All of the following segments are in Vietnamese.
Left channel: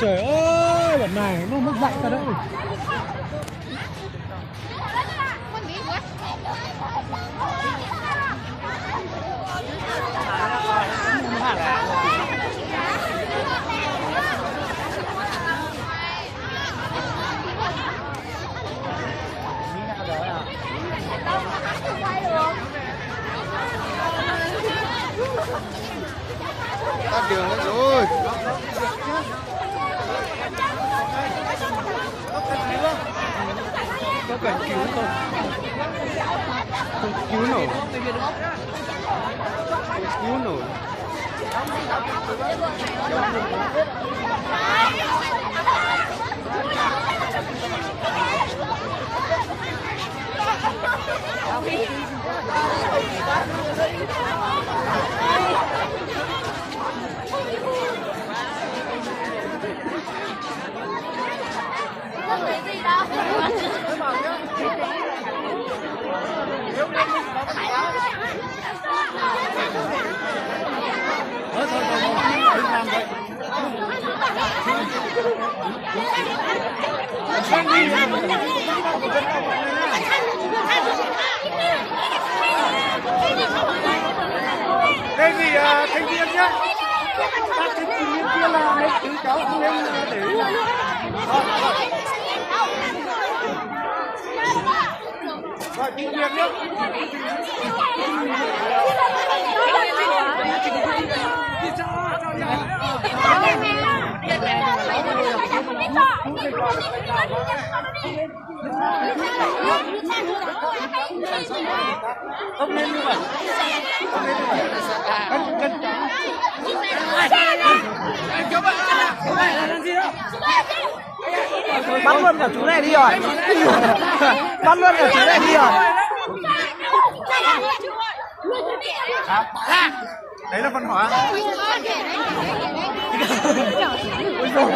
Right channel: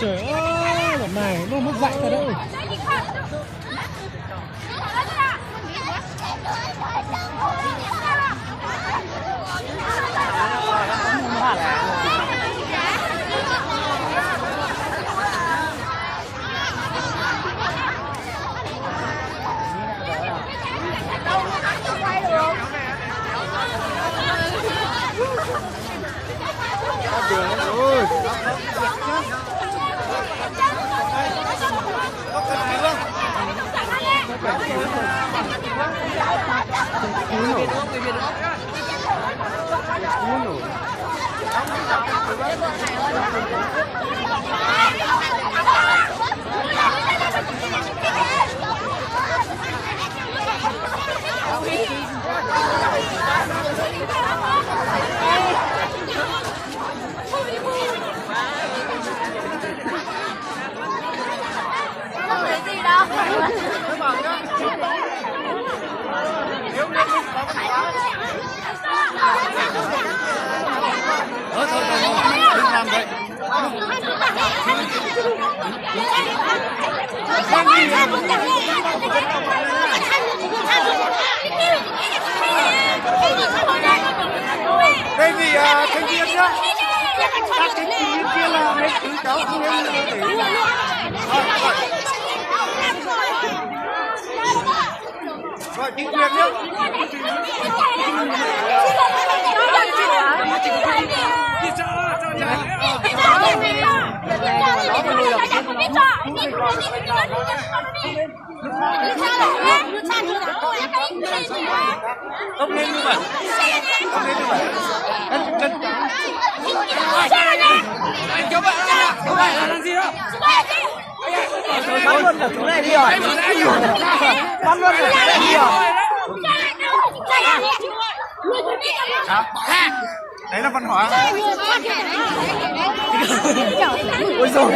Trời ơi, lần này nó mất dạy ta đâu. Tắt đường hết rồi. Cứu nổ. Cứu nổ. Thôi, đừng làm vậy. Đề nghị thành viên nhá. Các thành viên kia là nên tự cáo, không nên để là. Rồi, chính quyền nhé. Không nên như vậy. Không nên như vậy. Chân trắng. Anh cháu bạn không phải là làm gì đâu. Bắn luôn của chỗ này đi rồi. Bắn luôn của chỗ này đi rồi. Đấy là văn hóa. Ôi giời.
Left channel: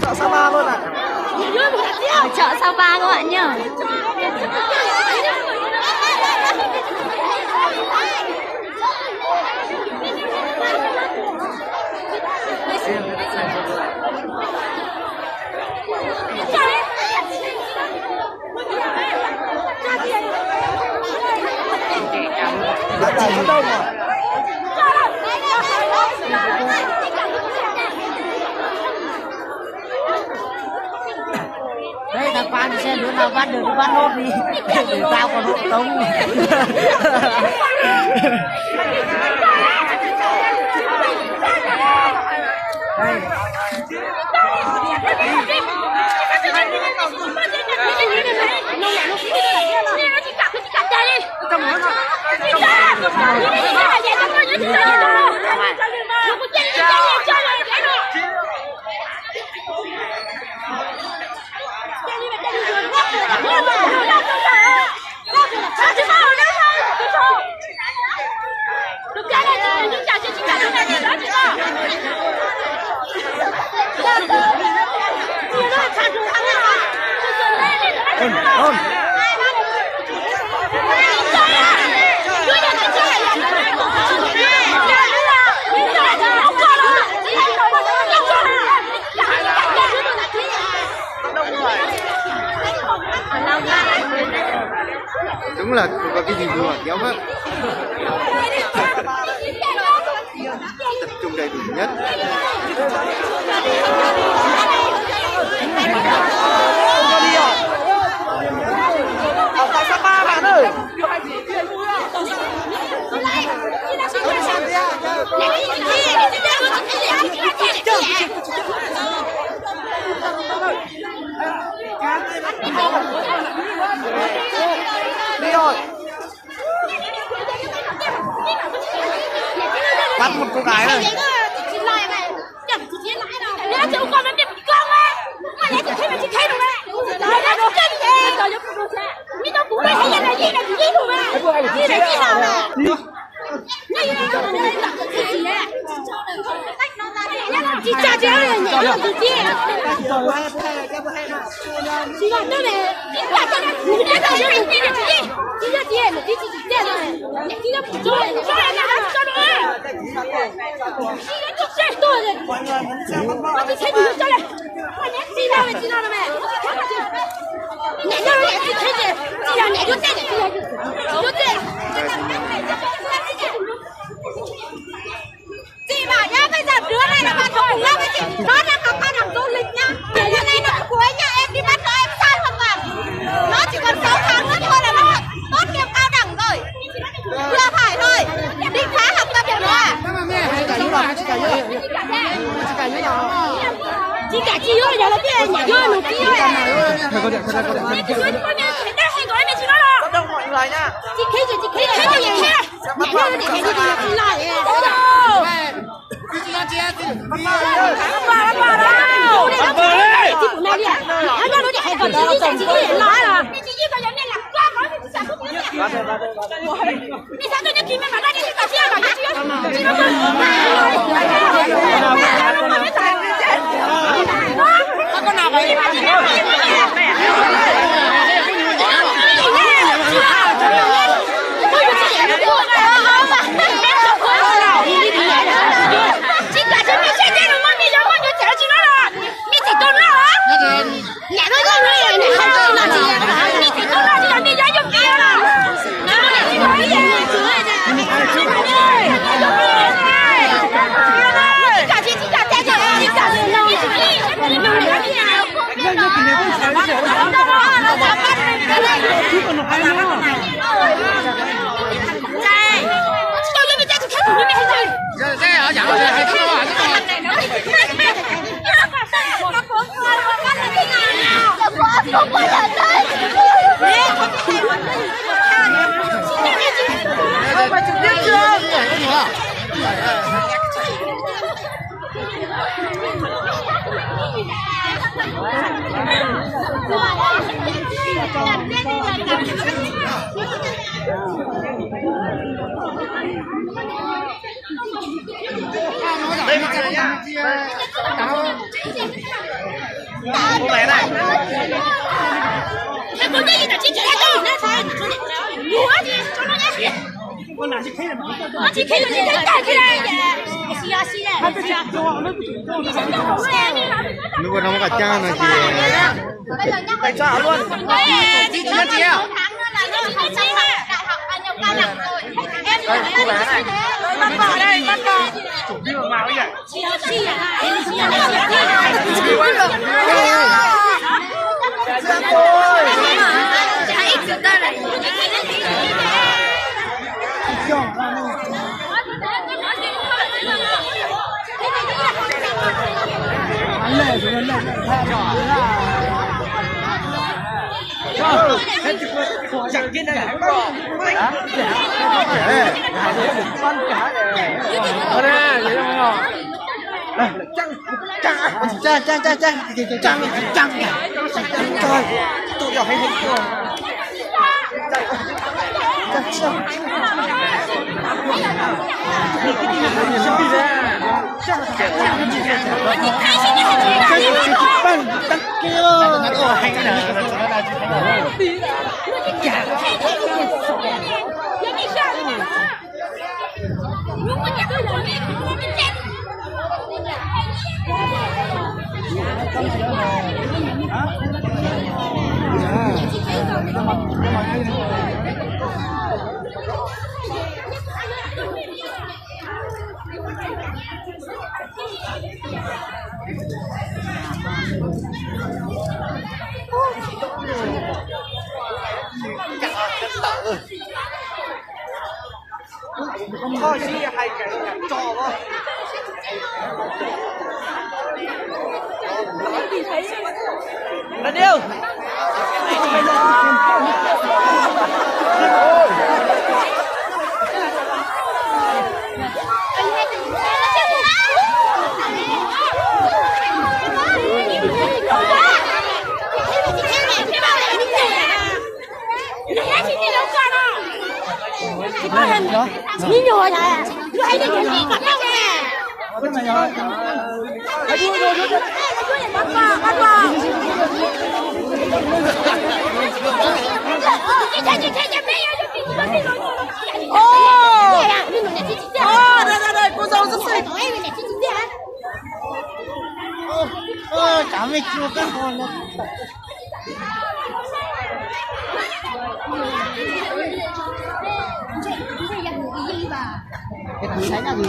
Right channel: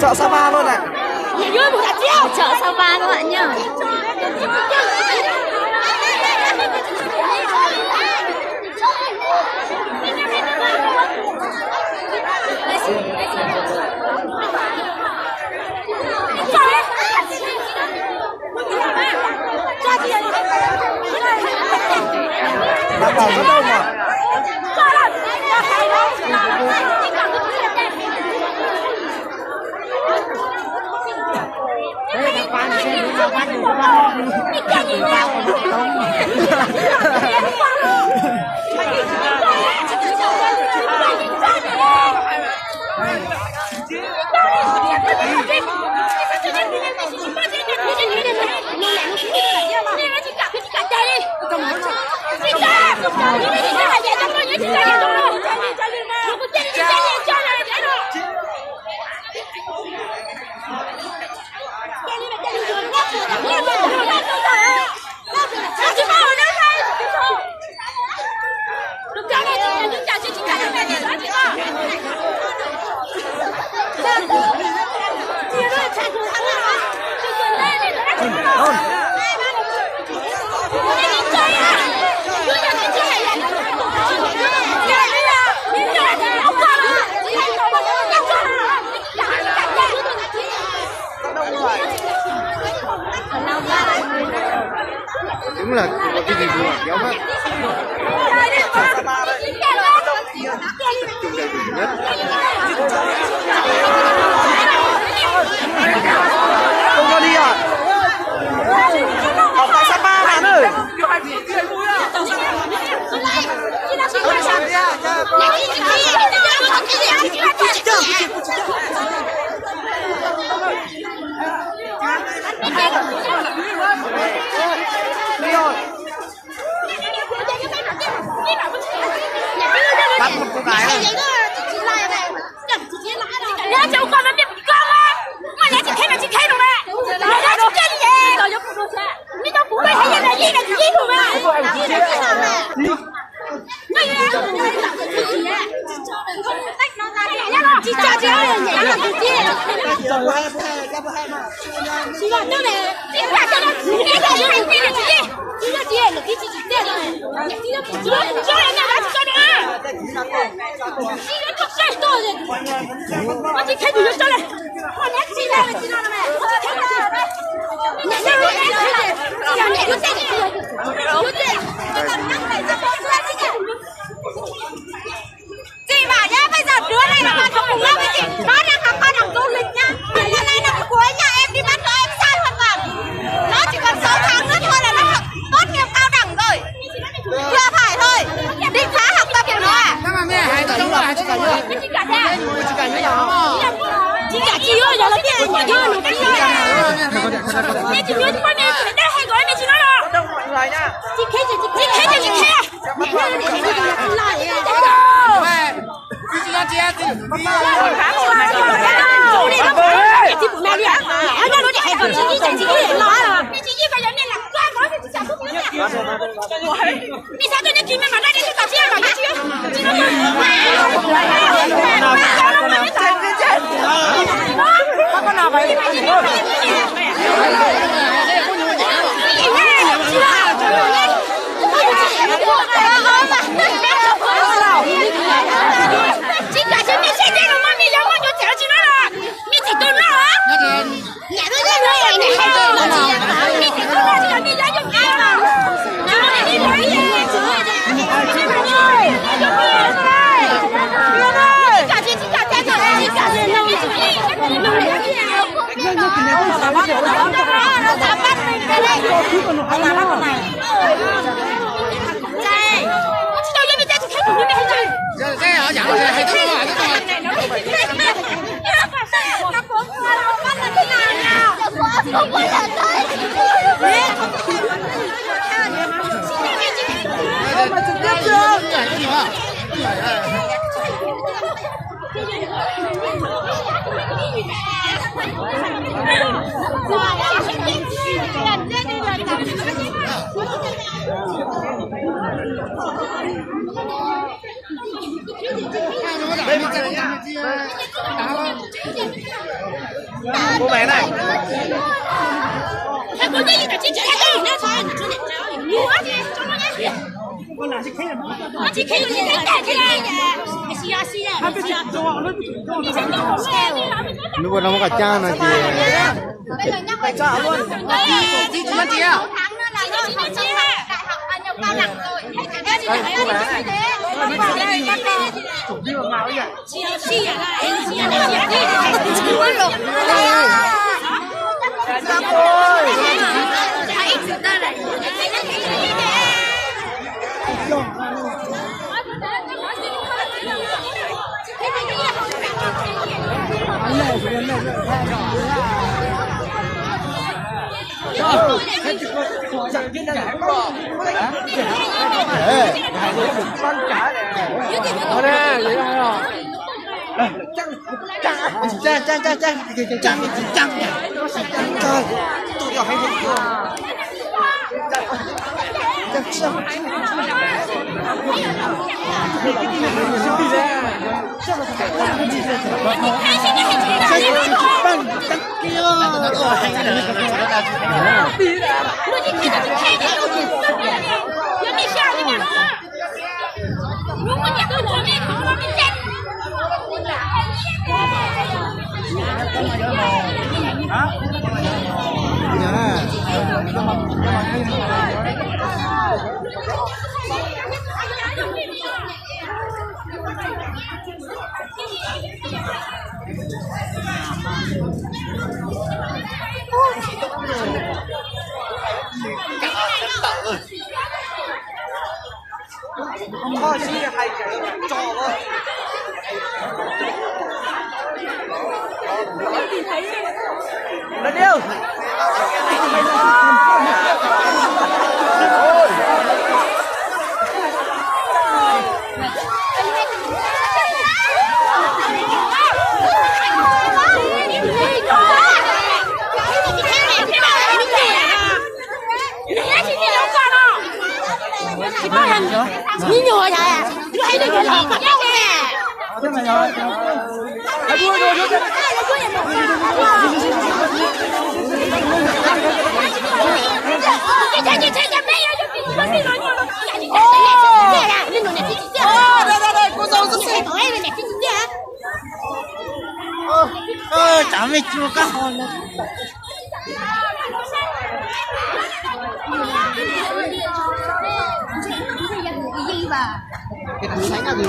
Chợ Sapa luôn này. Chợ Sapa các bạn nhá. Bác bảo gì đâu mà. Bắt đủ bắt hốt đi. Để tao còn lại không. đúng là cái gì vừa kéo hết tập trung đầy đủ nhất. bắt một cô gái này. Nhớ chú con nó đẹp con á, mà nhớ chị khai rồi mẹ, nhớ chú chân gì? Mấy con phụ đây hay là gì là gì rồi mẹ? Gì là gì hả mẹ? Chị cha chị ơi, chị là chị là chị là đây này, chị là cho nó chị là chị là chị là chị là chị là chị thấy được cho này, con nhắc chị là mẹ, chị là mẹ đứa trẻ chị bảo nhá, bây giờ đứa này là bạn cùng lớp với chị, nó đang học ban làm du lịch nhá, nhà này là cuối nhà em đi bắt nó em sai hoàn toàn, nó chỉ còn 6 tháng nữa thôi là nó học tốt nghiệp cao đẳng rồi, vừa phải thôi, định phá học tập của nó à? Chị cả chị ơi, giờ là chị ơi, nhà kia là chị ơi. Chị nói con em phải đeo hay gọi mẹ chị nói rồi. Đông mọi người nhá. Chị khi chị khi. Con nào vậy? Chị cả chị mẹ xe đây rồi mà mẹ giờ con cho chị nó rồi. Mẹ chỉ tôi nó hả? Nhà nó rồi mẹ không chơi mà chị. Mẹ chỉ tôi nó chứ mẹ giờ dùng ai mà. Nhà nó này đi rồi vậy. Chị cả lâu nó cái này cũng sai chứ. Cứ còn ai nữa. Con nào chị thấy là chị thấy cả chị này. Lúc đó nó cả cha này chị. Chị tháng nữa là nó học xong đại học nhập cao đẳng rồi. Em chỉ là như thế. Chẳng kia đây hả? Ở đây, vậy không nhở? Tôi gặp hay nhìn không? Lên điêu.你牛啥？你还得给老婆要个呗？咱们就干好了。cái thứ thấy là gì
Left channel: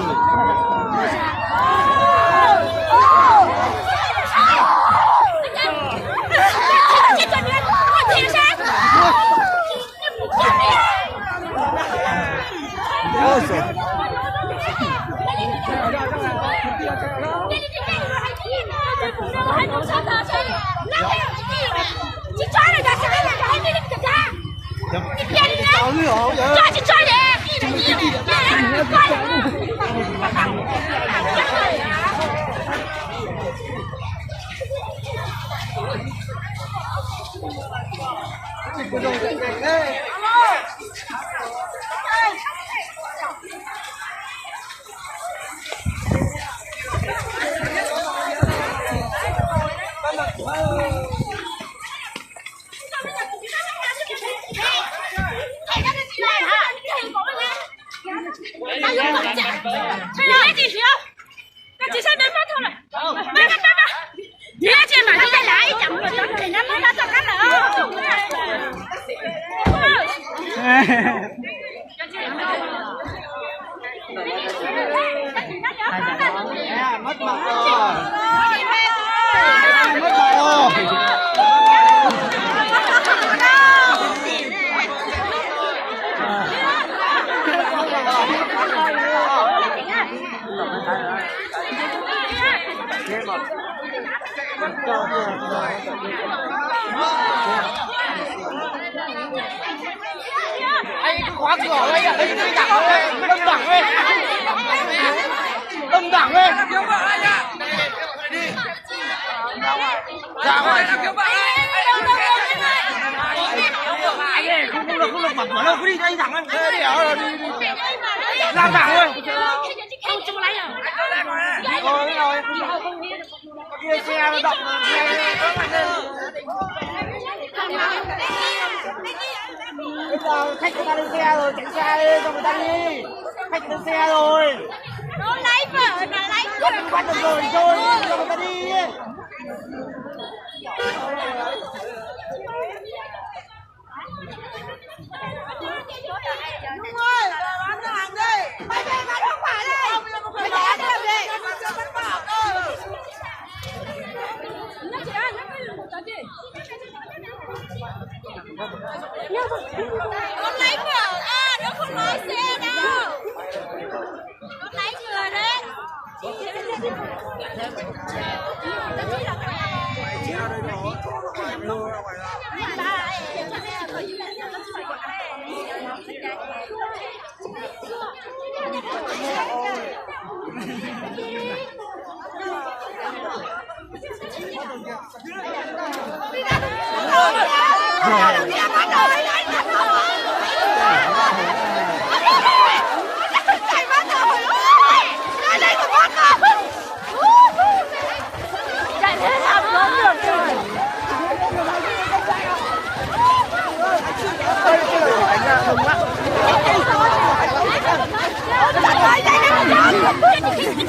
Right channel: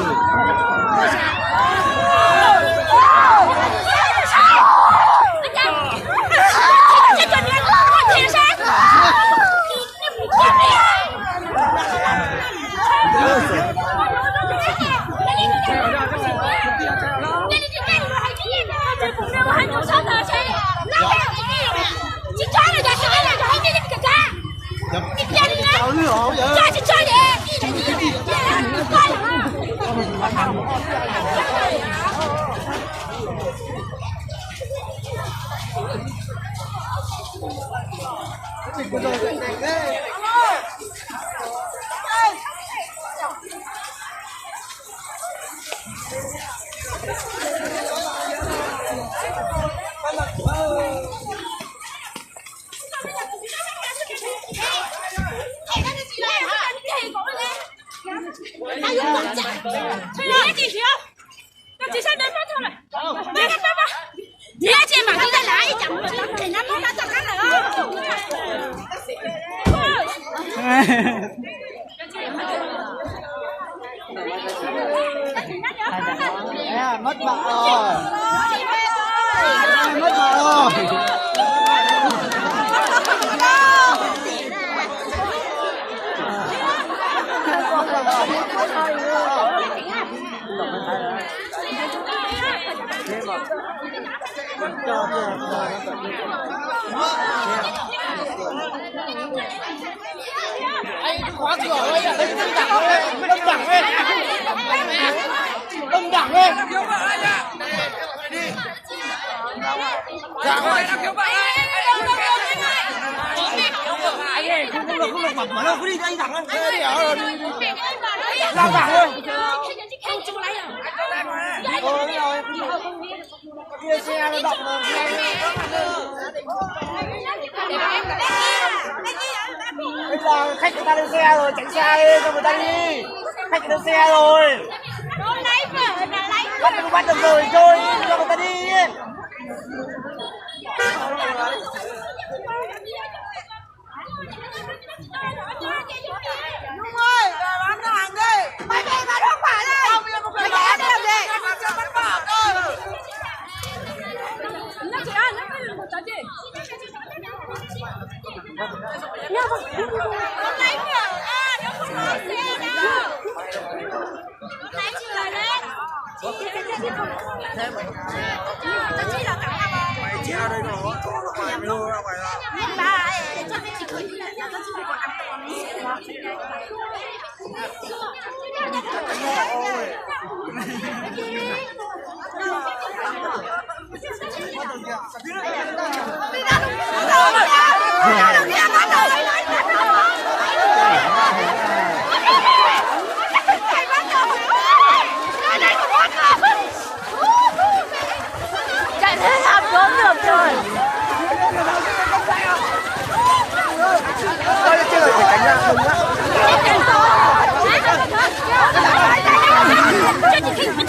khóa cửa ấy là đây đâm đẳng ấy đâm đẳng ấy cứu vợ anh ạ đi dạ ơi cứu vợ anh ơi không được mở đâu cứ đi anh thẳng lên đi ở đi ra thẳng luôn kia xe nó động mà bây giờ khách người ta lên xe rồi tránh xe đi cho người ta đi khách lên xe rồi bắt được rồi chơi cho người ta đi Nhung ơi bán hàng đi mày về bán không phải đâu bây giờ một người bán đi bán cho bán bảo thôi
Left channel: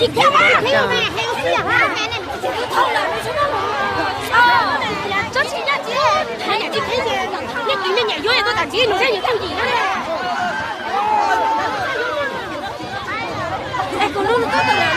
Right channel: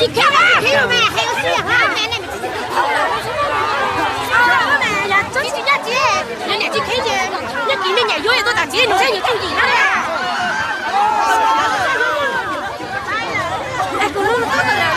chị kéo ba theo mẹ theo xe ha mẹ này là cho chị nhà chị mẹ nhà chị thấy gì nhà chị nên nhà vô tôi đặt chị nó sẽ gì đâu gì đó cô luôn tốt rồi